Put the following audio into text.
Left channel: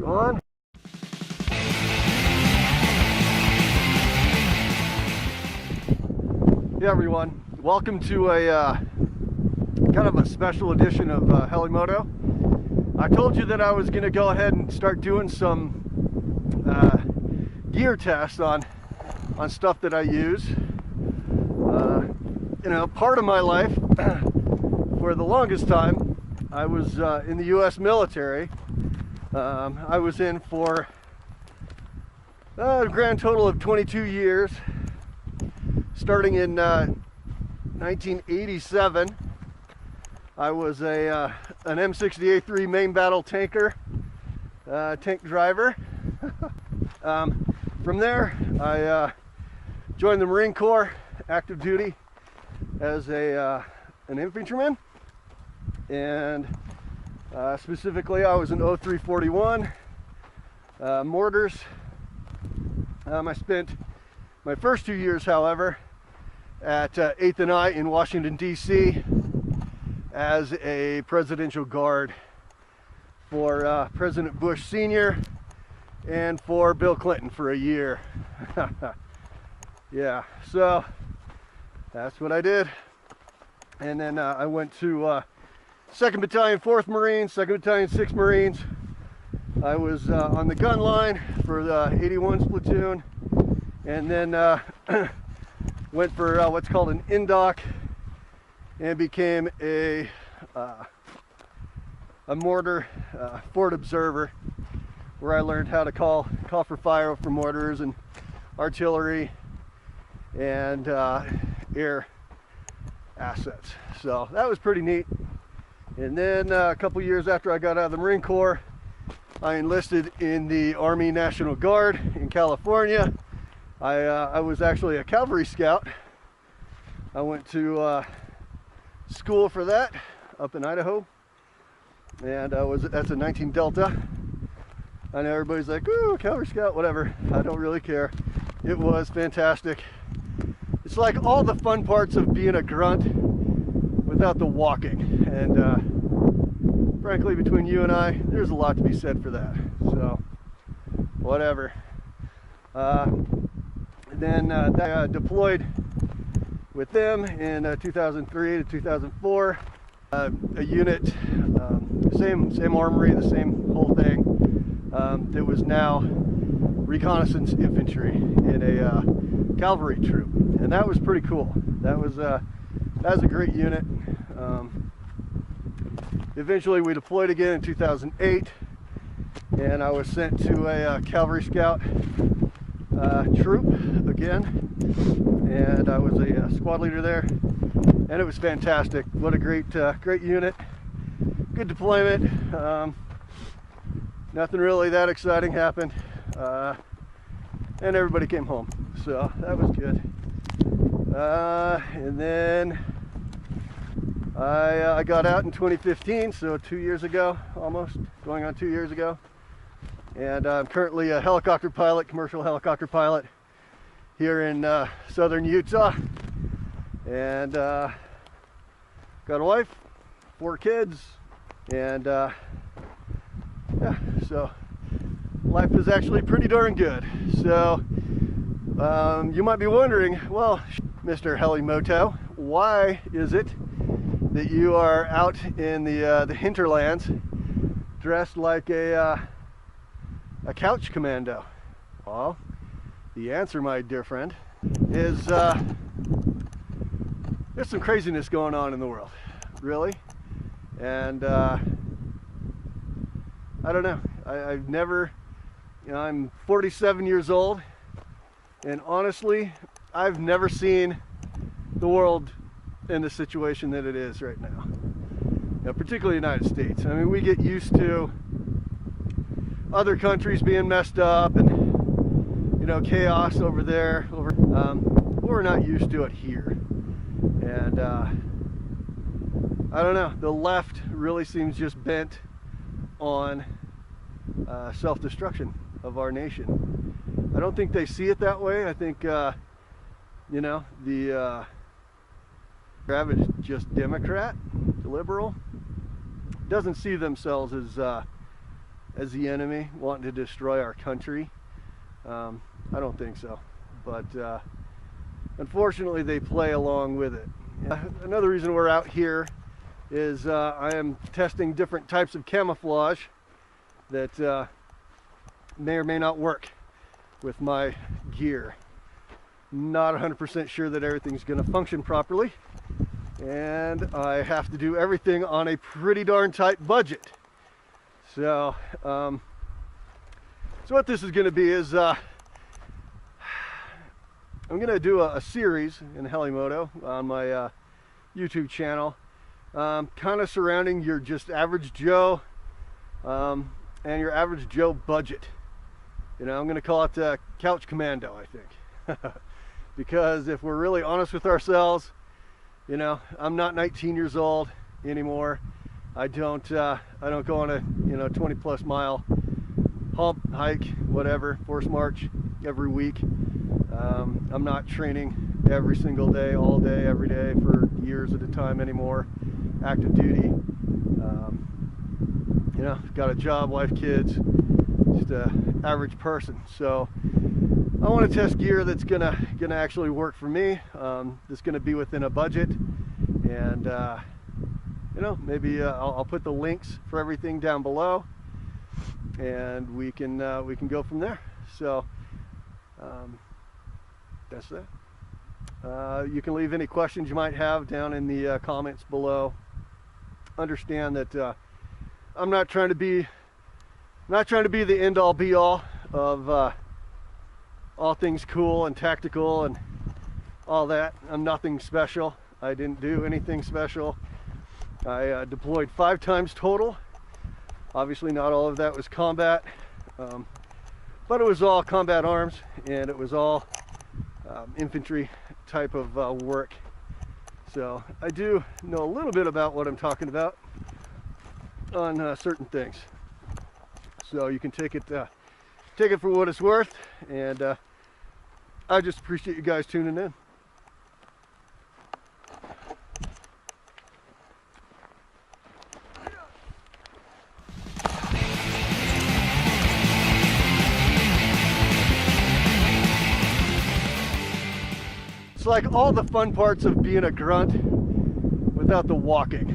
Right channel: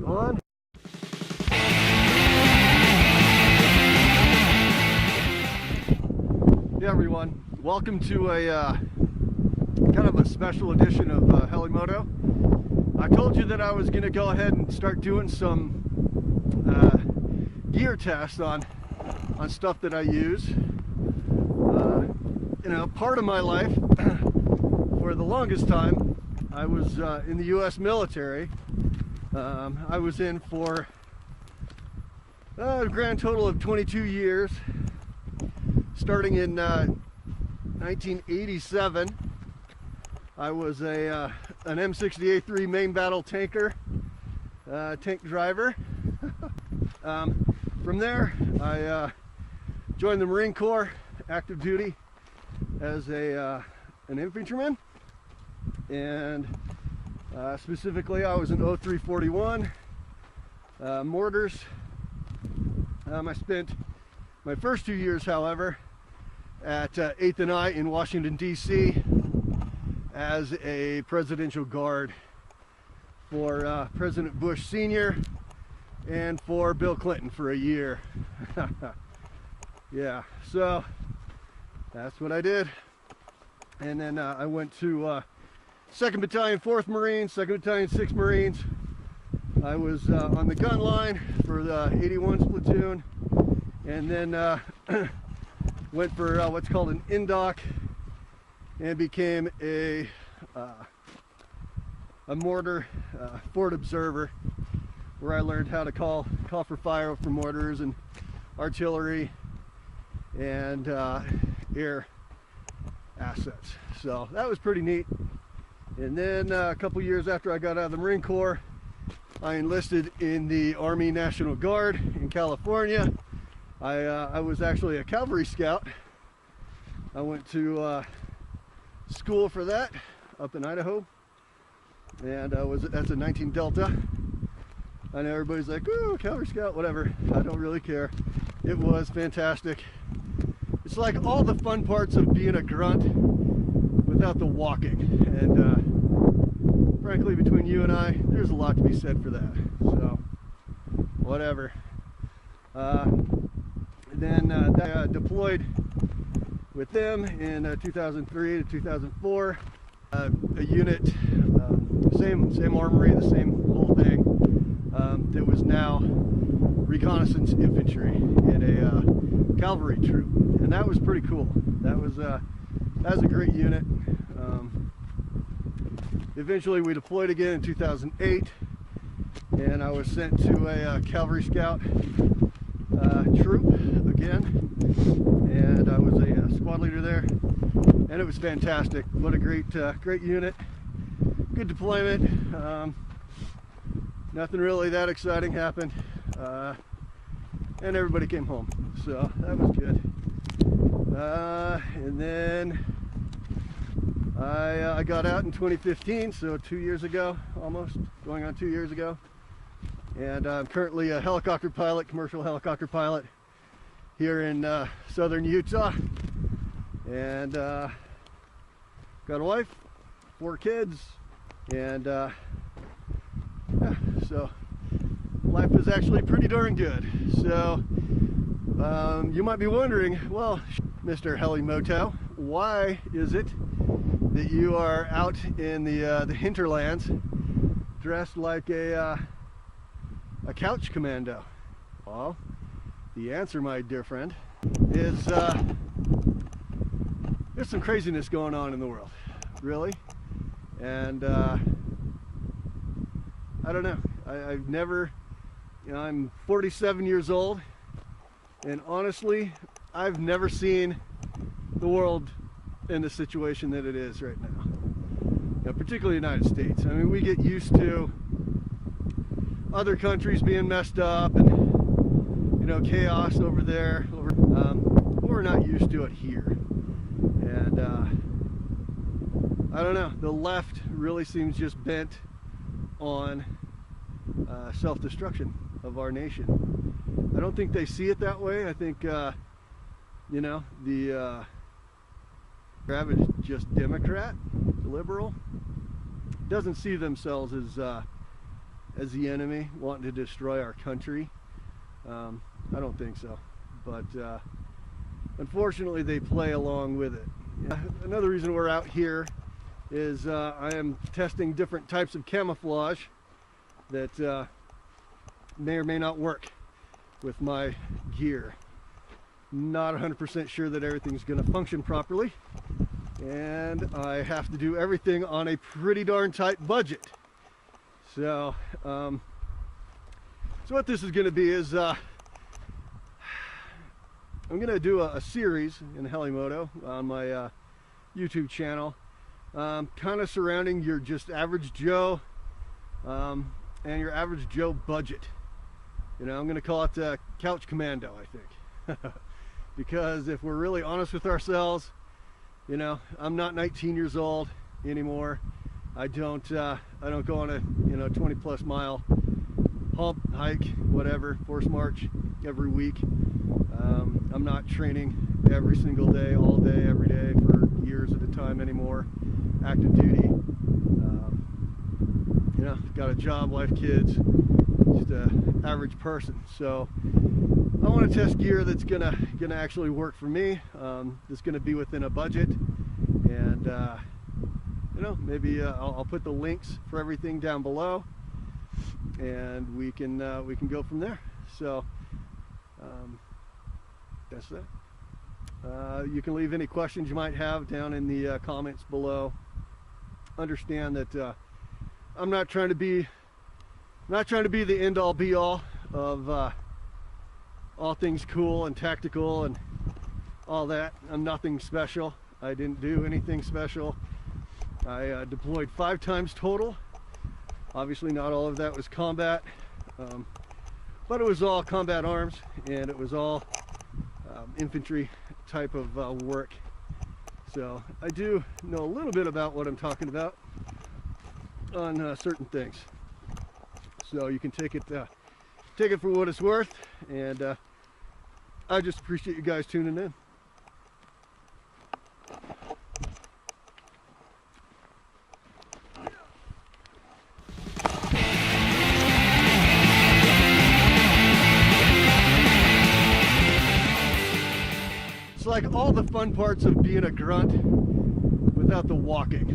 You on? Hey everyone, welcome to a kind of a special edition of Helimoto. I told you that I was going to go ahead and start doing some gear tests on stuff that I use. You know, part of my life, for the longest time, I was in the U.S. military. I was in for a grand total of 22 years. Starting in 1987, I was an M60A3 main battle tanker, tank driver. From there, I joined the Marine Corps, active duty as an infantryman, and specifically I was an 0341 mortars. I spent my first 2 years, however, at 8th and I in Washington, D.C. as a presidential guard for President Bush Sr. and for Bill Clinton for a year. Yeah, so that's what I did. And then I went to 2nd Battalion, 4th Marines, 2nd Battalion, 6th Marines. I was on the gun line for the 81st platoon, and then went for what's called an indoc and became a mortar fort observer, where I learned how to call for fire for mortars and artillery and air assets. So that was pretty neat. And then a couple years after I got out of the Marine Corps, I enlisted in the Army National Guard in California. I was actually a cavalry scout. I went to school for that up in Idaho, and that's a 19 Delta. I know everybody's like, "Ooh, cavalry scout," whatever. I don't really care. It was fantastic. It's like all the fun parts of being a grunt without the walking, and frankly, between you and I, there's a lot to be said for that. So, whatever. Then I deployed with them in 2003 to 2004. A unit, same armory, the same whole thing. That was now reconnaissance infantry in a cavalry troop, and that was pretty cool. That was a great unit. Eventually, we deployed again in 2008, and I was sent to a cavalry scout troop again, and I was a squad leader there, and it was fantastic. What a great unit, good deployment. Nothing really that exciting happened, and everybody came home, so that was good. And then I got out in 2015, so 2 years ago, almost going on 2 years ago. And I'm currently a helicopter pilot, commercial helicopter pilot here in southern Utah. And got a wife, 4 kids, and yeah, so life is actually pretty darn good. So you might be wondering, well, Mr. Helimoto, why is it that you are out in the hinterlands dressed like a couch commando? Well, the answer, my dear friend, is there's some craziness going on in the world, really. And I don't know, I've never, you know, I'm 47 years old, and honestly, I've never seen the world in the situation that it is right now. You know, particularly the United States. I mean, we get used to other countries being messed up and, you know, chaos over there. We're not used to it here. And I don't know, the left really seems just bent on self-destruction of our nation. I don't think they see it that way. I think, you know, the average just Democrat, liberal, doesn't see themselves as as the enemy wanting to destroy our country. I don't think so, but unfortunately they play along with it. Another reason we're out here is I am testing different types of camouflage that may or may not work with my gear. Not 100% sure that everything's going to function properly, and I have to do everything on a pretty darn tight budget. So, so what this is going to be is I'm going to do a series in Helimoto on my YouTube channel, kind of surrounding your just average Joe and your average Joe budget. You know, I'm going to call it Couch Commando, I think. Because if we're really honest with ourselves, you know, I'm not 19 years old anymore. I don't go on a 20+ mile hump, hike, whatever, force march every week. I'm not training every single day, all day, every day for years at a time anymore. Active duty. You know, got a job, wife, kids, just a average person. So I want to test gear that's gonna actually work for me. That's gonna be within a budget, and you know, maybe I'll put the links for everything down below, and we can go from there. So that's that. You can leave any questions you might have down in the comments below. Understand that I'm not trying to be the end-all be-all of all things cool and tactical and all that. I'm nothing special. I didn't do anything special. I deployed 5 times total. Obviously not all of that was combat, but it was all combat arms, and it was all infantry type of work. So I do know a little bit about what I'm talking about on certain things. So you can take it for what it's worth, and I just appreciate you guys tuning in. It's like all the fun parts of being a grunt without the walking.